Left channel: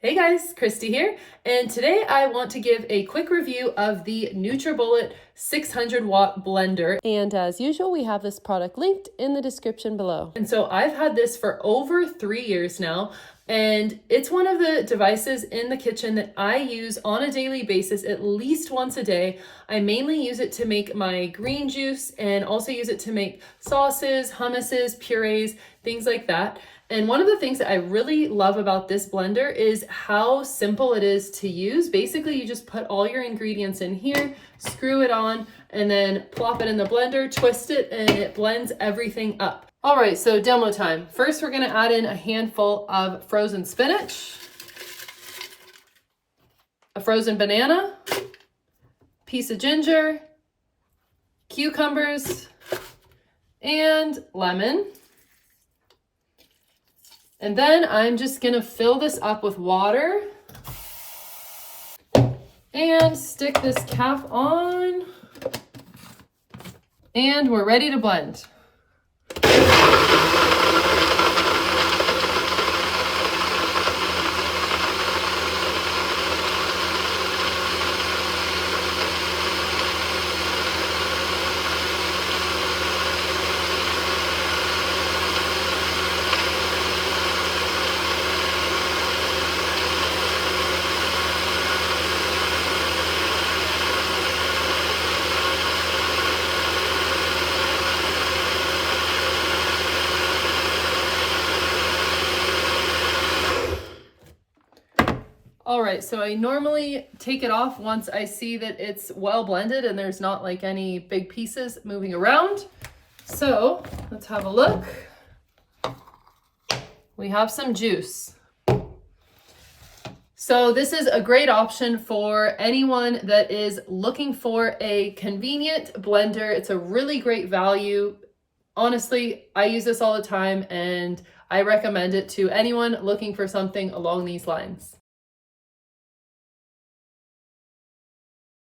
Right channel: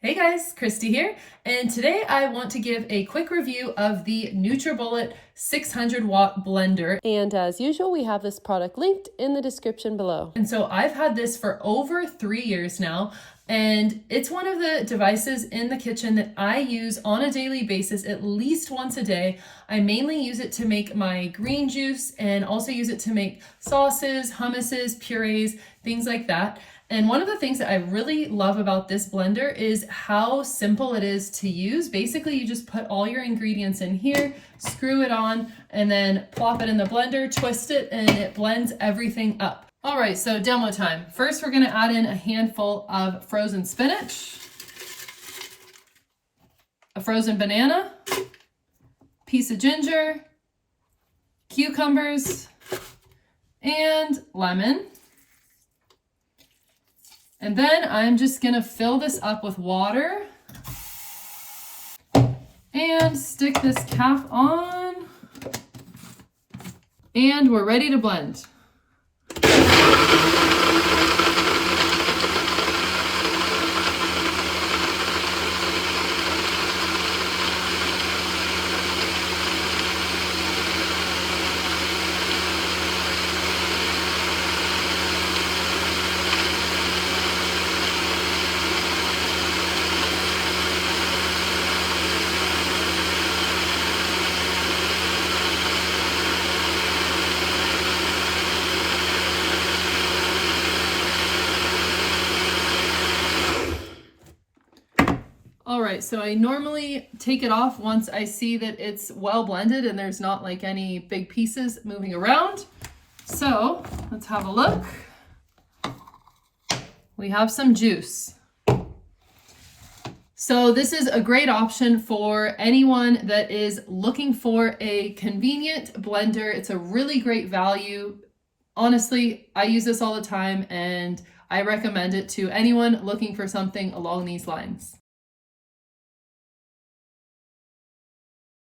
Hey guys, Christy here, and today I want to give a quick review of the Nutribullet 600 watt blender. And as usual, we have this product linked in the description below. And so I've had this for over 3 years now, and it's one of the devices in the kitchen that I use on a daily basis, at least once a day. I mainly use it to make my green juice and also use it to make sauces, hummuses, purees, things like that. And one of the things that I really love about this blender is how simple it is to use. Basically, you just put all your ingredients in here, screw it on, and then plop it in the blender, twist it, and it blends everything up. All right, so demo time. First, we're gonna add in a handful of frozen spinach, a frozen banana, piece of ginger, cucumbers, and lemon. And then I'm just gonna fill this up with water and stick this cap on, and we're ready to blend. All right, so I normally take it off once I see that it's well blended and there's not like any big pieces moving around. So let's have a look. We have some juice. So this is a great option for anyone that is looking for a convenient blender. It's a really great value. Honestly, I use this all the time and I recommend it to anyone looking for something along these lines.